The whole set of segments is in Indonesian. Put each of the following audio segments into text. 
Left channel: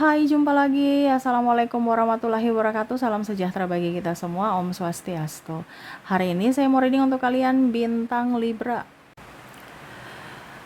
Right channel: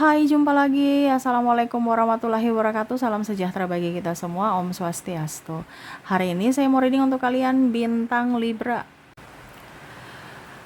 Hai, jumpa lagi. Assalamualaikum warahmatullahi wabarakatuh. Salam sejahtera bagi kita semua. Om Swastiastu. Hari ini saya mau reading untuk kalian bintang Libra.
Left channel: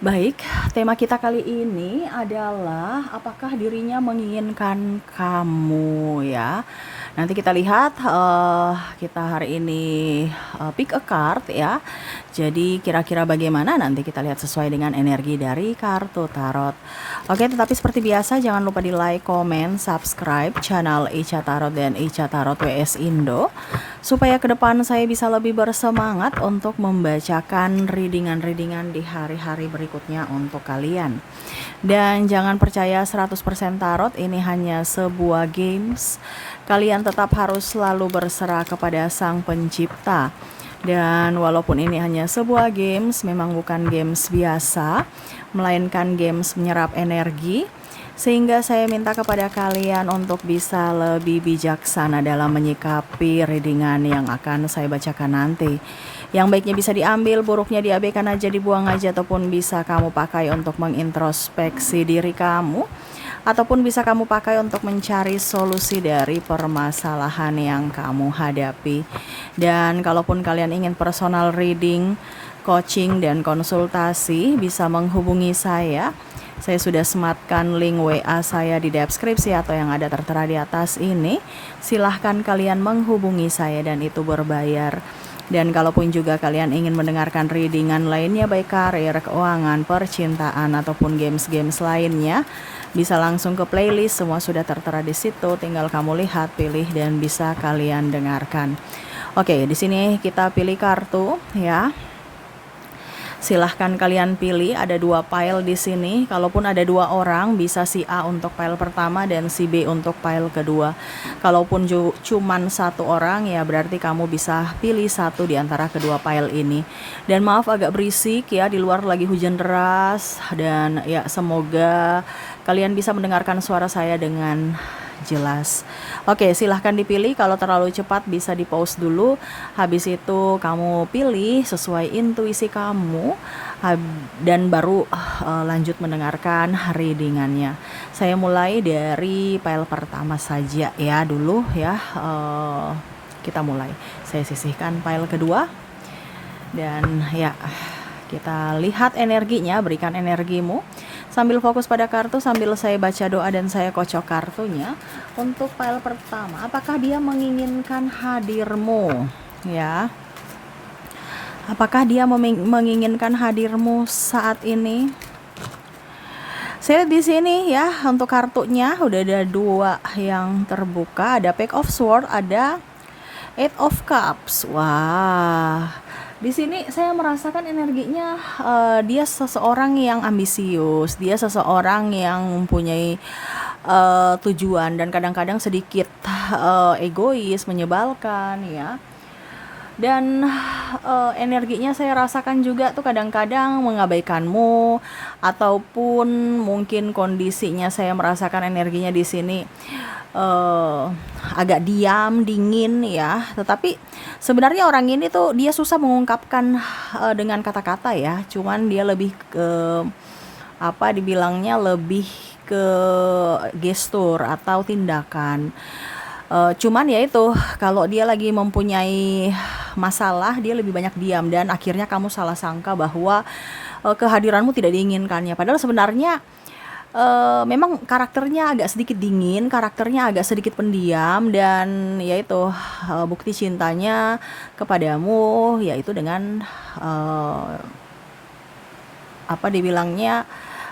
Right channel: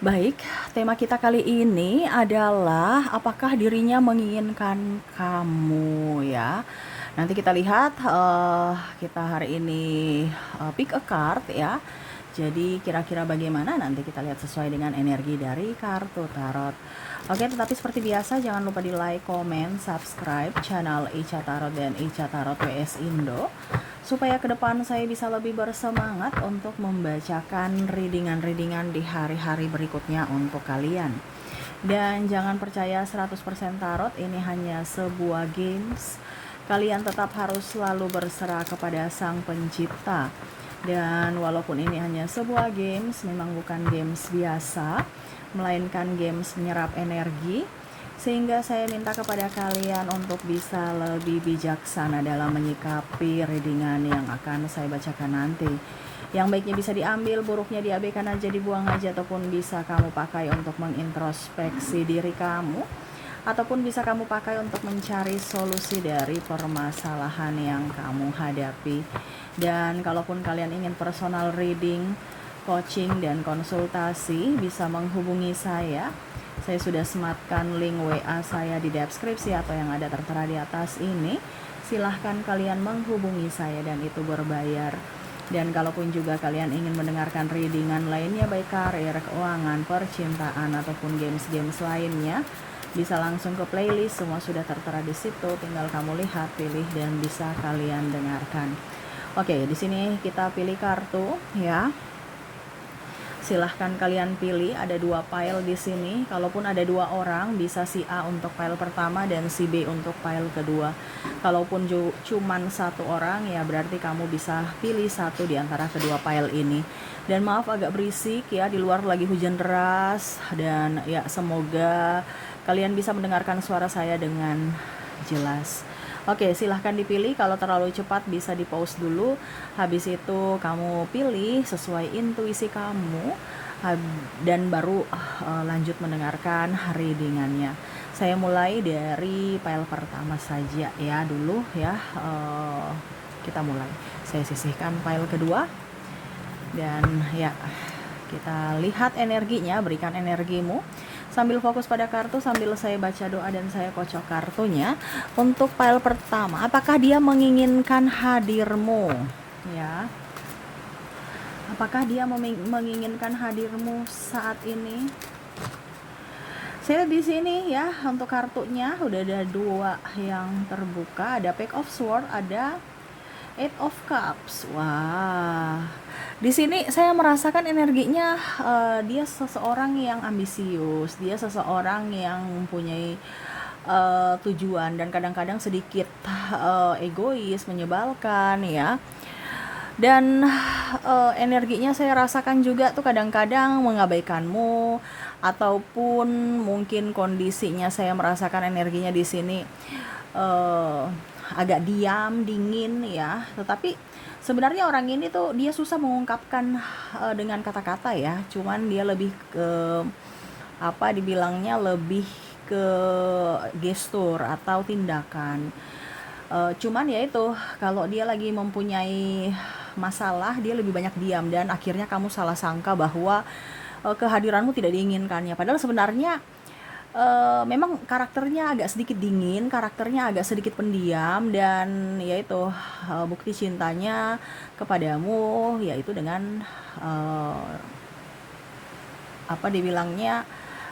Baik, tema kita kali ini adalah apakah dirinya menginginkan kamu ya. Nanti kita lihat kita hari ini pick a card ya. Jadi kira-kira bagaimana nanti kita lihat sesuai dengan energi dari kartu tarot. Oke, tetapi seperti biasa jangan lupa di like, komen, subscribe channel Ica Tarot dan Ica Tarot WS Indo supaya ke depan saya bisa lebih bersemangat untuk membacakan readingan-readingan di hari-hari berikutnya untuk kalian. Dan jangan percaya 100% tarot, ini hanya sebuah games. Kalian tetap harus selalu berserah kepada Sang Pencipta. Dan walaupun ini hanya sebuah games, memang bukan games biasa, melainkan games menyerap energi, sehingga saya minta kepada kalian untuk bisa lebih bijaksana dalam menyikapi readingan yang akan saya bacakan nanti. Yang baiknya bisa diambil, buruknya diabaikan aja, dibuang aja, ataupun bisa kamu pakai untuk mengintrospeksi diri kamu, ataupun bisa kamu pakai untuk mencari solusi dari permasalahan yang kamu hadapi. Dan kalaupun kalian ingin personal reading, coaching, dan konsultasi, bisa menghubungi saya. Saya sudah sematkan link WA saya di deskripsi atau yang ada tertera di atas ini. Silahkan kalian menghubungi saya dan itu berbayar. Dan kalaupun juga kalian ingin mendengarkan readingan lainnya, baik karir, keuangan, percintaan, ataupun games-games lainnya, bisa langsung ke playlist, semua sudah tertera di situ. Tinggal kamu lihat, pilih, dan bisa kalian dengarkan. Oke, di sini kita pilih kartu ya. Silahkan kalian pilih, ada 2 pile di sini. Kalaupun ada 2 orang, bisa si A untuk pile pertama dan si B untuk pile kedua. Kalaupun cuman 1 orang, ya berarti kamu bisa pilih 1 di antara kedua pile ini. Dan maaf agak berisik ya, di luar lagi hujan deras. Dan ya semoga kalian bisa mendengarkan suara saya dengan jelas. Oke, silahkan dipilih. Kalau terlalu cepat bisa di pause dulu. Habis itu kamu pilih sesuai intuisi kamu dan baru lanjut mendengarkan readingannya. Saya mulai dari pile pertama saja ya dulu ya. Kita mulai. Saya sisihkan pile kedua dan ya kita lihat energinya. Berikan energimu sambil fokus pada kartu, sambil saya baca doa dan saya kocok kartunya. Untuk pile pertama, apakah dia menginginkan hadirmu? Ya, apakah dia menginginkan hadirmu saat ini? Saya di sini ya, untuk kartunya udah ada 2 yang terbuka, ada Page of Swords, ada Eight of Cups. Wah. Di sini saya merasakan energinya dia seseorang yang ambisius, dia seseorang yang mempunyai tujuan dan kadang-kadang sedikit egois, menyebalkan ya. Dan energinya saya rasakan juga tuh kadang-kadang mengabaikanmu, ataupun mungkin kondisinya saya merasakan energinya di sini agak diam, dingin ya. Tetapi sebenarnya orang ini tuh dia susah mengungkapkan dengan kata-kata ya. Cuman dia lebih ke apa dibilangnya, lebih ke gestur atau tindakan. Cuman ya itu, kalau dia lagi mempunyai masalah, dia lebih banyak diam dan akhirnya kamu salah sangka bahwa kehadiranmu tidak diinginkannya. Padahal sebenarnya memang karakternya agak sedikit dingin, karakternya agak sedikit pendiam, dan yaitu bukti cintanya kepadamu yaitu dengan apa dibilangnya,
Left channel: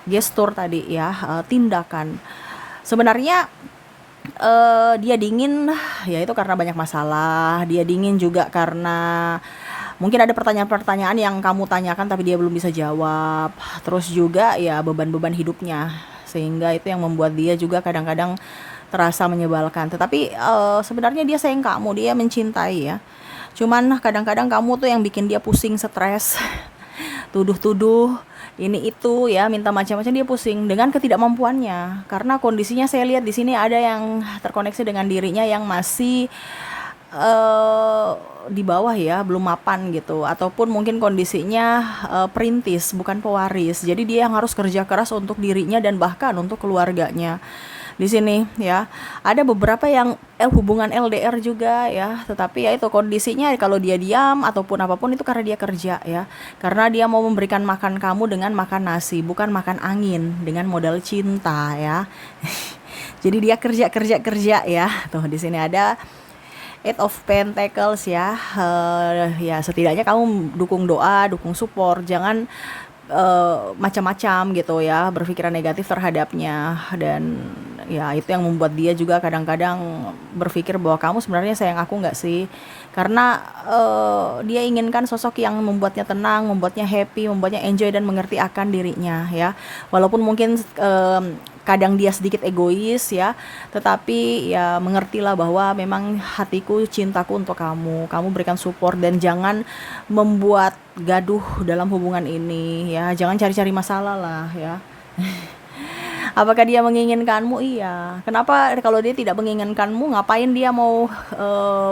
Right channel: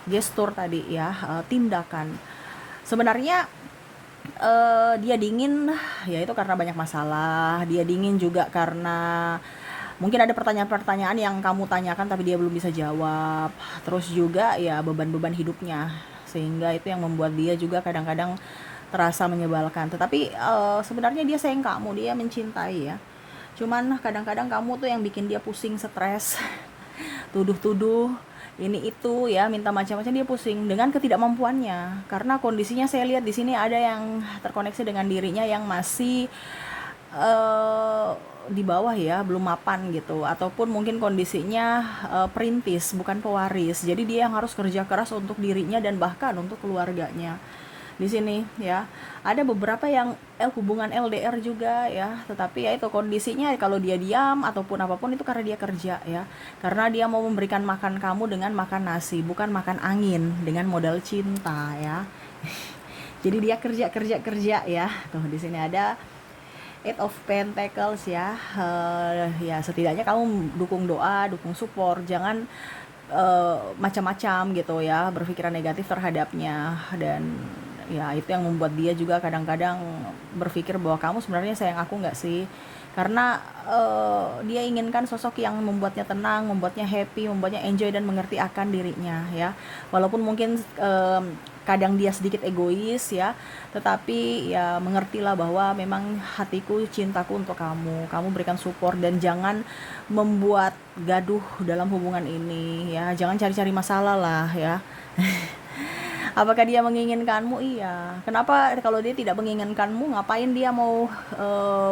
gestur tadi ya, tindakan. Sebenarnya dia dingin yaitu karena banyak masalah, dia dingin juga karena mungkin ada pertanyaan-pertanyaan yang kamu tanyakan tapi dia belum bisa jawab. Terus juga ya beban-beban hidupnya, sehingga itu yang membuat dia juga kadang-kadang terasa menyebalkan. Tetapi sebenarnya dia sayang kamu, dia mencintai ya. Cuman kadang-kadang kamu tuh yang bikin dia pusing, stres, tuduh-tuduh ini itu ya, minta macam-macam, dia pusing dengan ketidakmampuannya. Karena kondisinya saya lihat di sini ada yang terkoneksi dengan dirinya yang masih di bawah ya, belum mapan gitu, ataupun mungkin kondisinya perintis bukan pewaris. Jadi dia yang harus kerja keras untuk dirinya dan bahkan untuk keluarganya. di sini ya. Ada beberapa yang hubungan LDR juga ya, tetapi ya itu kondisinya kalau dia diam ataupun apapun itu karena dia kerja ya. Karena dia mau memberikan makan kamu dengan makan nasi, bukan makan angin dengan modal cinta ya. Jadi dia kerja kerja kerja ya. Tuh di sini ada Eight of Pentacles ya. Ya setidaknya kamu dukung doa, dukung support, jangan macam-macam gitu ya, berpikiran negatif terhadapnya. Dan ya itu yang membuat dia juga kadang-kadang berpikir bahwa kamu sebenarnya sayang aku nggak sih, karena dia inginkan sosok yang membuatnya tenang, membuatnya happy, membuatnya enjoy dan mengerti akan dirinya ya. Walaupun mungkin kadang dia sedikit egois ya, tetapi ya mengertilah bahwa memang hatiku, cintaku untuk kamu, kamu berikan support dan jangan membuat gaduh dalam hubungan ini ya, jangan cari-cari masalah lah ya. Apakah dia menginginkanmu? Iya. Kenapa kalau dia tidak menginginkanmu, ngapain dia mau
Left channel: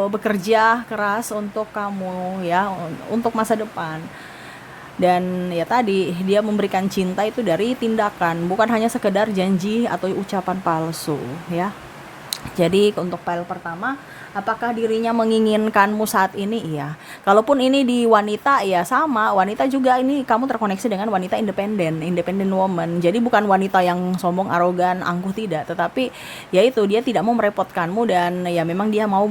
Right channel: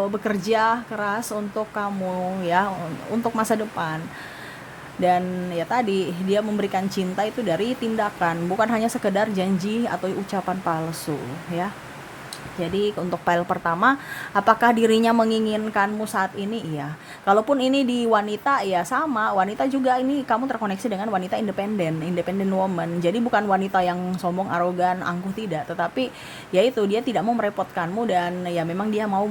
bekerja keras untuk kamu ya, untuk masa depan? Dan ya tadi dia memberikan cinta itu dari tindakan, bukan hanya sekedar janji atau ucapan palsu ya. Jadi untuk pile pertama, apakah dirinya menginginkanmu saat ini? Iya. Kalaupun ini di wanita, ya sama. Wanita juga, ini kamu terkoneksi dengan wanita independen, independent woman. Jadi bukan wanita yang sombong, arogan, angkuh, tidak. Tetapi ya itu, dia tidak mau merepotkanmu dan ya memang dia mau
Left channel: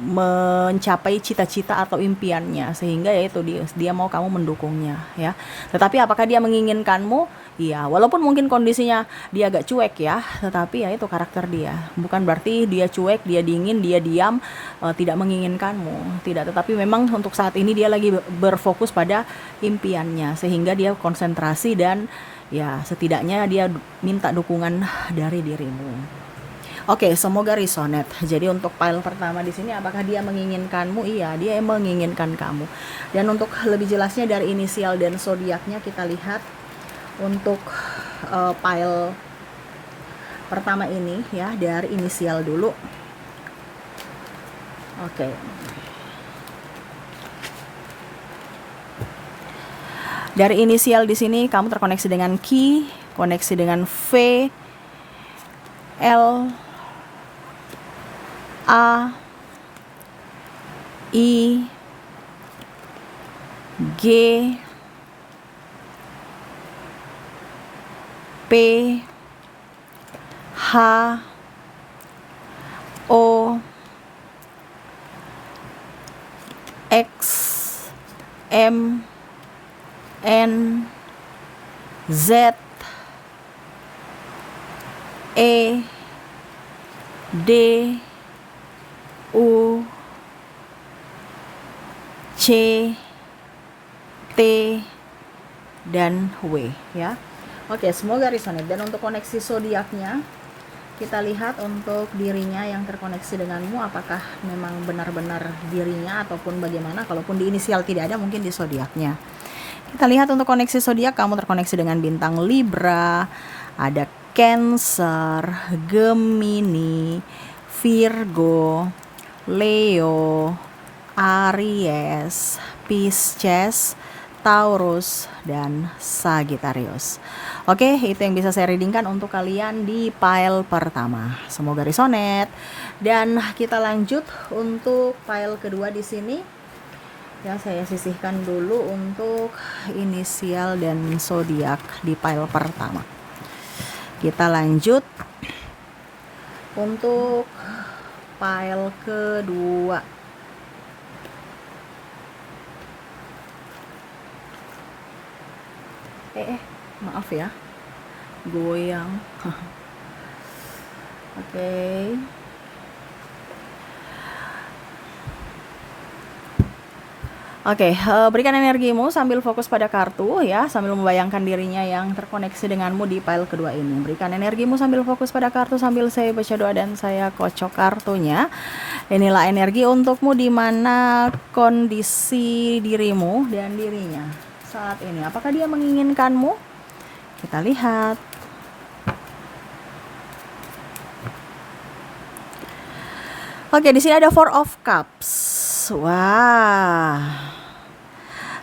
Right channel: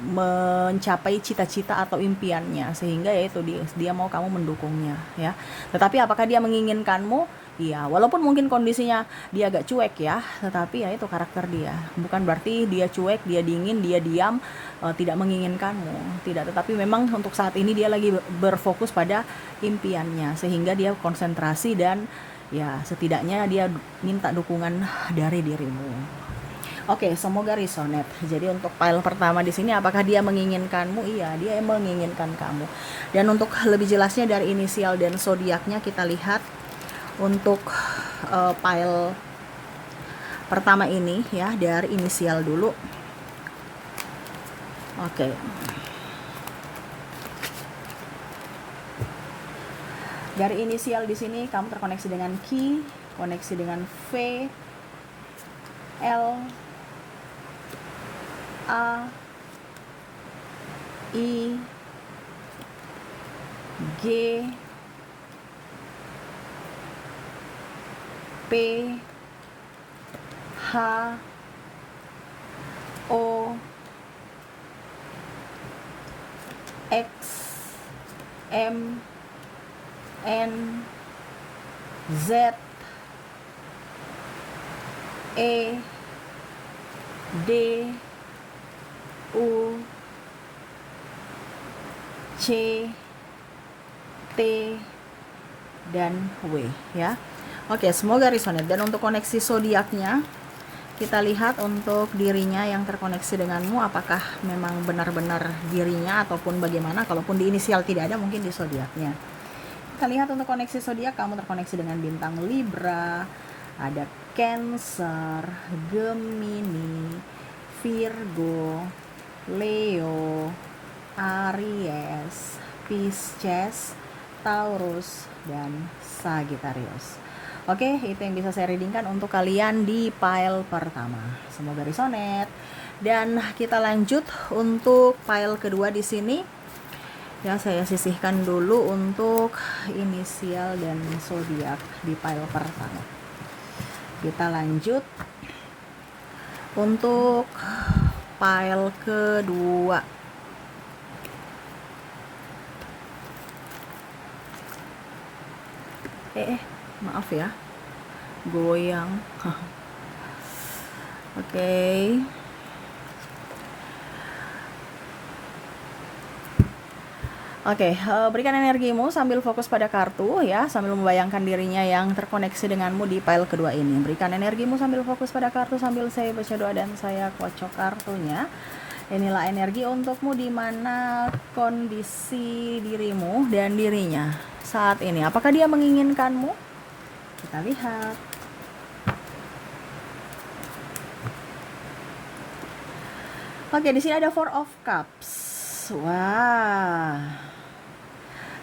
mencapai cita-cita atau impiannya, sehingga ya itu dia mau kamu mendukungnya ya. Tetapi apakah dia menginginkanmu? Iya, walaupun mungkin kondisinya dia agak cuek ya, tetapi ya itu karakter dia. Bukan berarti dia cuek, dia dingin, dia diam, tidak menginginkanmu. Tidak, tetapi memang untuk saat ini dia lagi berfokus pada impiannya, sehingga dia konsentrasi dan ya setidaknya dia minta dukungan dari dirimu. Oke, semoga resonate. Jadi untuk pile pertama di sini, apakah dia menginginkanmu? Iya, dia menginginkan kamu. Dan untuk lebih jelasnya dari inisial dan zodiaknya kita lihat untuk pile pertama ini ya, dari inisial dulu. Oke. Dari inisial di sini kamu terkoneksi dengan Q, koneksi dengan V, L, A, I, G, P, H, O, X, M, N, Z, E, D, U, C, T, dan W ya. Oke, semoga resonate. Dan untuk koneksi zodiaknya kita lihat untuk dirinya yang terkoneksi denganmu, apakah memang benar-benar dirinya ataupun bagaimana. Kalaupun di inisial tidak ada, mungkin di zodiaknya. Kita lihat untuk koneksi zodiak, kamu terkoneksi dengan bintang Libra, ada Cancer, Gemini, Virgo, Leo, Aries, Pisces, Taurus, dan Sagittarius. Oke, itu yang bisa saya readingkan untuk kalian di pile pertama. Semoga resonate. Dan kita lanjut untuk pile kedua di sini. Ya, saya sisihkan dulu untuk inisial dan zodiak di pile pertama. Kita lanjut untuk pile kedua. Maaf ya, goyang. Oke. Oke, berikan energimu sambil fokus pada kartu ya, sambil membayangkan dirinya yang terkoneksi denganmu di pile kedua ini. Berikan energimu sambil fokus pada kartu sambil saya baca doa dan saya kocok kartunya. Inilah energi untukmu di mana kondisi dirimu dan dirinya saat ini. Apakah dia menginginkanmu? Kita lihat. Oke, di sini ada Four of Cups. Wah.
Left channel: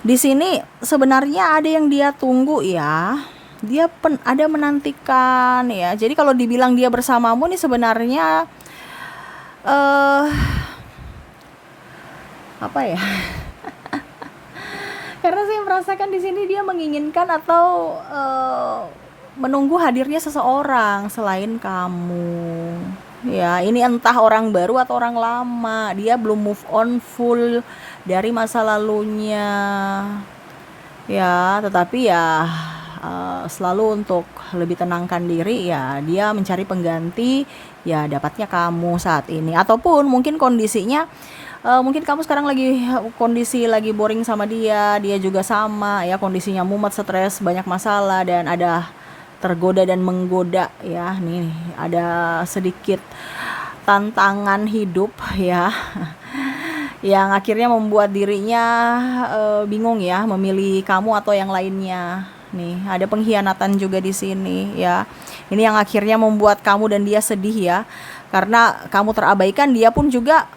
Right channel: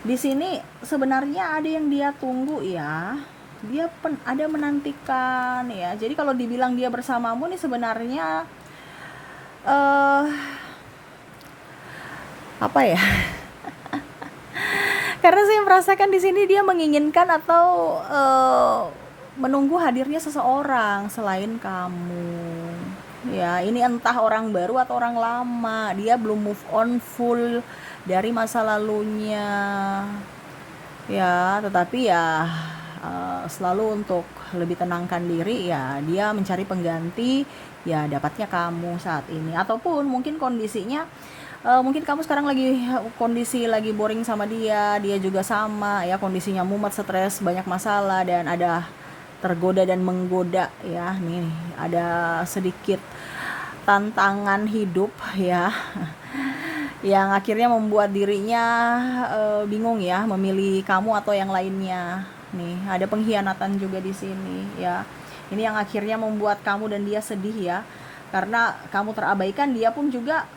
Di sini sebenarnya ada yang dia tunggu ya. Dia ada menantikan ya. Jadi kalau dibilang dia bersamamu nih sebenarnya eh apa ya? Karena saya merasakan di sini dia menginginkan atau menunggu hadirnya seseorang selain kamu. Ya, ini entah orang baru atau orang lama. Dia belum move on full dari masa lalunya. Ya, tetapi ya selalu untuk lebih tenangkan diri ya dia mencari pengganti, ya dapatnya kamu saat ini. Ataupun mungkin kondisinya mungkin kamu sekarang lagi kondisi lagi boring sama dia, dia juga sama ya kondisinya mumet, stres, banyak masalah dan ada tergoda dan menggoda ya. Nih, ada sedikit tantangan hidup ya yang akhirnya membuat dirinya bingung ya memilih kamu atau yang lainnya. Nih, ada pengkhianatan juga di sini ya. Ini yang akhirnya membuat kamu dan dia sedih ya. Karena kamu terabaikan, dia pun juga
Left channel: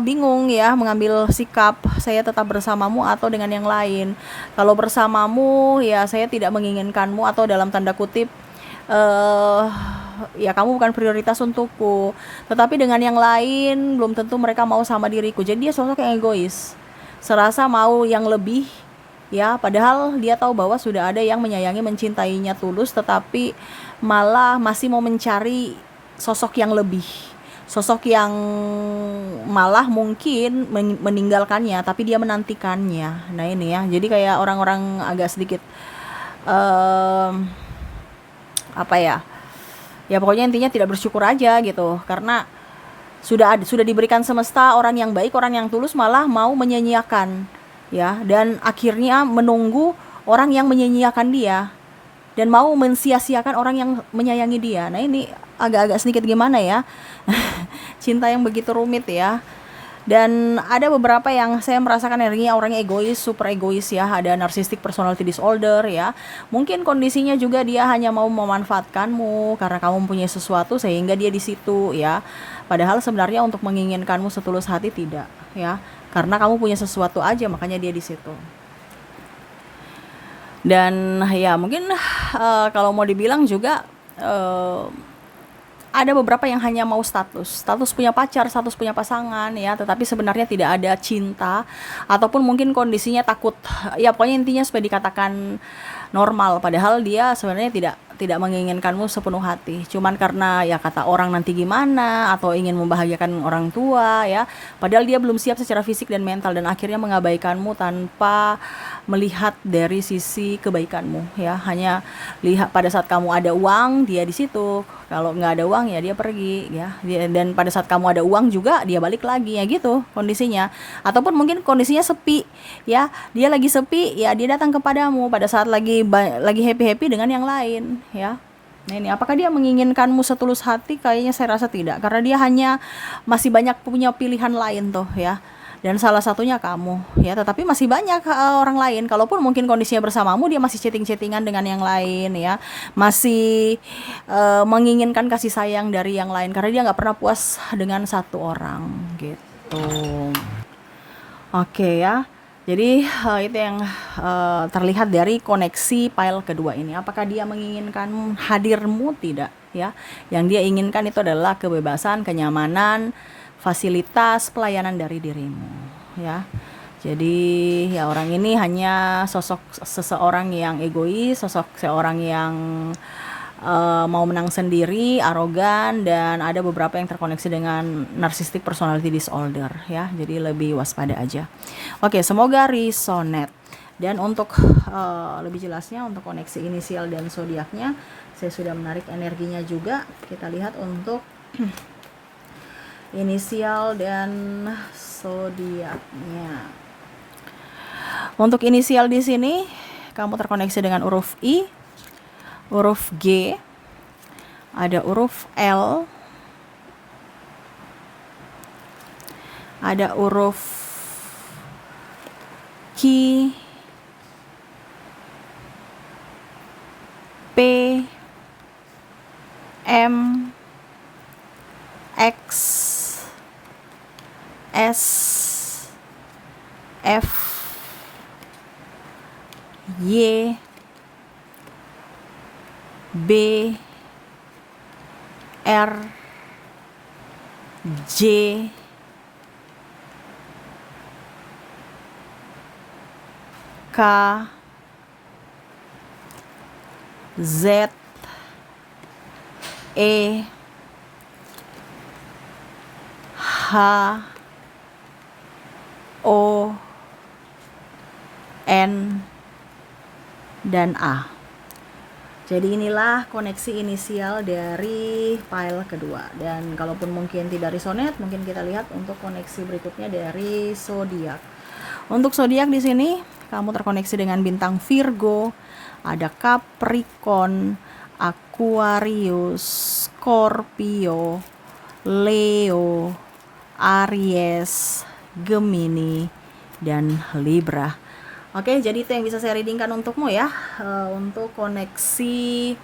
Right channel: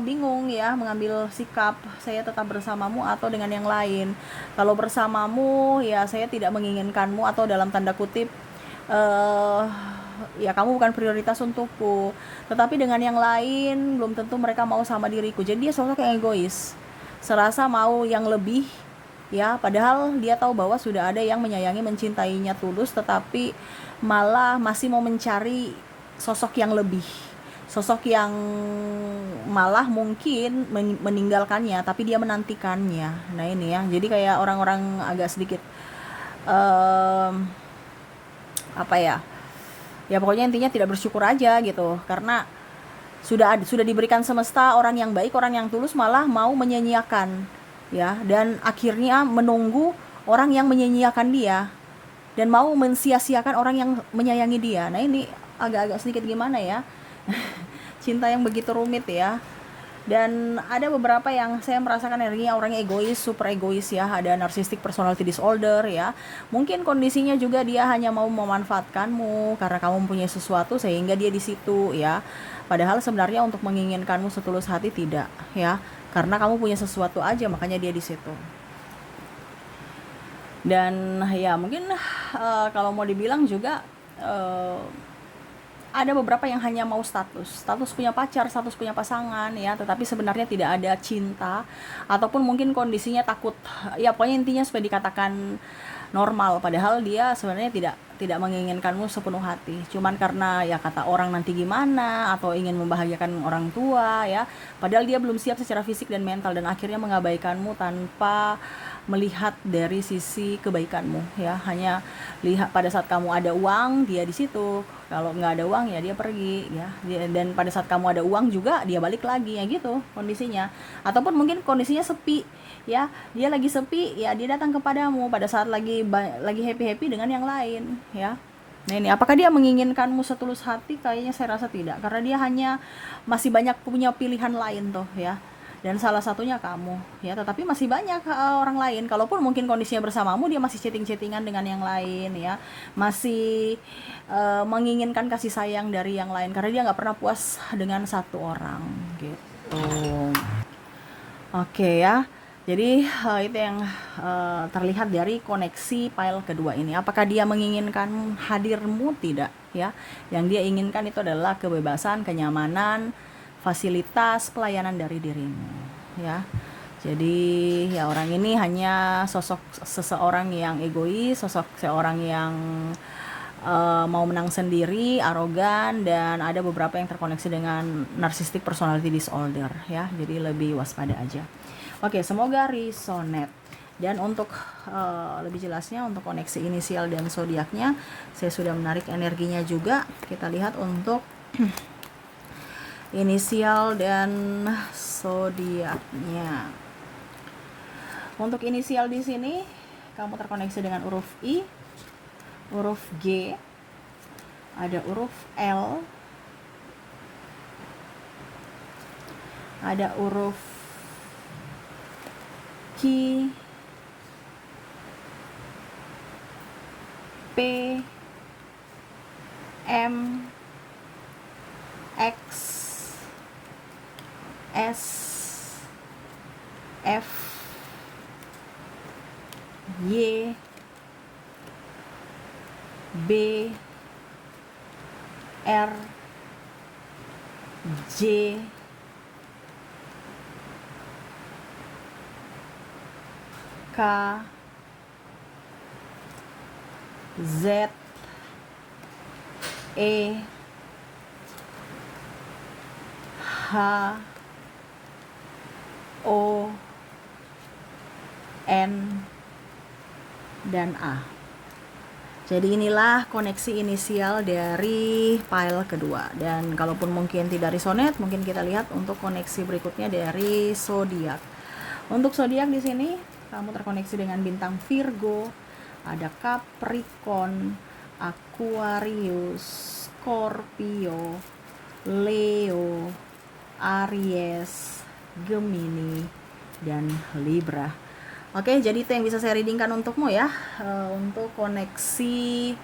bingung ya mengambil sikap, saya tetap bersamamu atau dengan yang lain. Kalau bersamamu ya saya tidak menginginkanmu atau dalam tanda kutip eh ya kamu bukan prioritas untukku. Tetapi dengan yang lain belum tentu mereka mau sama diriku. Jadi dia sosok yang egois. Serasa mau yang lebih ya, padahal dia tahu bahwa sudah ada yang menyayangi, mencintainya tulus, tetapi malah masih mau mencari sosok yang lebih. Sosok yang malah mungkin meninggalkannya, tapi dia menantikannya. Nah ini ya, jadi kayak orang-orang agak sedikit um, apa ya, ya pokoknya intinya tidak bersyukur aja gitu, karena sudah diberikan semesta orang yang baik, orang yang tulus, malah mau menyia-nyiakan ya, dan akhirnya menunggu orang yang menyia-nyiakan dia dan mau mensia-siakan orang yang menyayangi dia. Nah ini agak-agak sedikit gimana ya, cinta yang begitu rumit ya. Dan ada beberapa yang saya merasakan energinya orangnya egois, super egois ya. Ada narcissistic personality disorder ya. Mungkin kondisinya juga dia hanya mau memanfaatkanmu karena kamu mempunyai sesuatu sehingga dia di situ ya. Padahal sebenarnya untuk menginginkanmu setulus hati tidak ya. Karena kamu punya sesuatu aja makanya dia di situ. Dan ya mungkin kalau mau dibilang juga ada beberapa yang hanya mau status punya pacar, status punya pasangan ya, tetapi sebenarnya tidak ada cinta, ataupun mungkin kondisinya takut ya, pokoknya intinya supaya dikatakan normal, padahal dia sebenarnya tidak menginginkanmu sepenuh hati, cuman karena ya kata orang nanti gimana, atau ingin membahagiakan orang tua ya, padahal dia belum siap secara fisik dan mental, dan akhirnya mengabaikanmu tanpa melihat dari sisi kebaikanmu ya, hanya lihat pada saat kamu ada uang dia di situ, kalau nggak ada uang ya dia pergi ya, dan pada saat kamu ada uang juga dia balik lagi ya gitu kondisinya. Ataupun mungkin kondisinya sepi ya, dia lagi sepi ya, dia datang kepadamu pada saat lagi happy dengan yang lain ya. Nah ini apakah dia menginginkanmu setulus hati? Kayaknya saya rasa tidak, karena dia hanya masih banyak punya pilihan lain tuh ya, dan salah satunya kamu ya, tetapi masih banyak orang lain. Kalaupun mungkin kondisinya bersamamu, dia masih chatting-chattingan dengan yang lain ya, masih menginginkan kasih sayang dari yang lain, karena dia nggak pernah puas dengan satu orang gitu. Oke ya, jadi itu yang terlihat dari koneksi file kedua ini. Apakah dia menginginkan hadirmu? Tidak ya. Yang dia inginkan itu adalah kebebasan, kenyamanan, fasilitas, pelayanan dari dirimu ya. Jadi ya orang ini hanya sosok seseorang yang egois, sosok seorang yang mau menang sendiri, arogan, dan ada beberapa yang terkoneksi dengan narcissistic personality disorder ya. Jadi lebih waspada aja. Oke, semoga resonate. Dan untuk lebih jelasnya untuk koneksi inisial dan zodiaknya, saya sudah menarik energinya juga. Kita lihat untuk inisial dan zodiaknya. Untuk inisial di sini kamu terkoneksi dengan huruf I, huruf G, ada huruf L, ada huruf Q, P, M, X, S, F, Y, B, R, J, K, Z, E, H, O, N, dan A. Jadi inilah koneksi inisial dari file kedua. Dan kalaupun mungkin tidak resonet, mungkin kita lihat untuk koneksi berikutnya dari zodiak. Untuk zodiak di sini kamu terkoneksi dengan bintang Virgo, ada Capricorn, Aquarius, Scorpio, Leo, Aries, Gemini, dan Libra. Oke, jadi itu yang bisa saya readingkan untukmu ya, untuk koneksi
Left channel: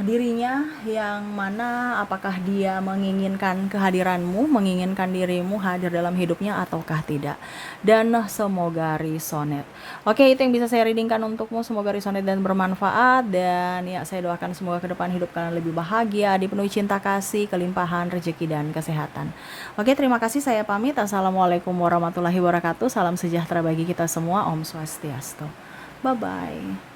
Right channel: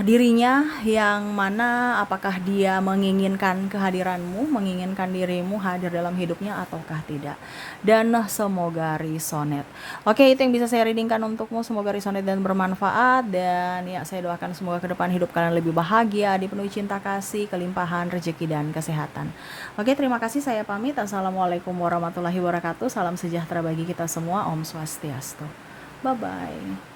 dirinya yang mana apakah dia menginginkan kehadiranmu, menginginkan dirimu hadir dalam hidupnya ataukah tidak. Dan semoga resonet. Oke, itu yang bisa saya readingkan untukmu. Semoga resonet dan bermanfaat. Dan ya, saya doakan semoga ke depan hidup kalian lebih bahagia, dipenuhi cinta kasih, kelimpahan, rezeki, dan kesehatan. Oke, terima kasih, saya pamit. Assalamualaikum warahmatullahi wabarakatuh. Salam sejahtera bagi kita semua. Om Swastiastu. Bye-bye.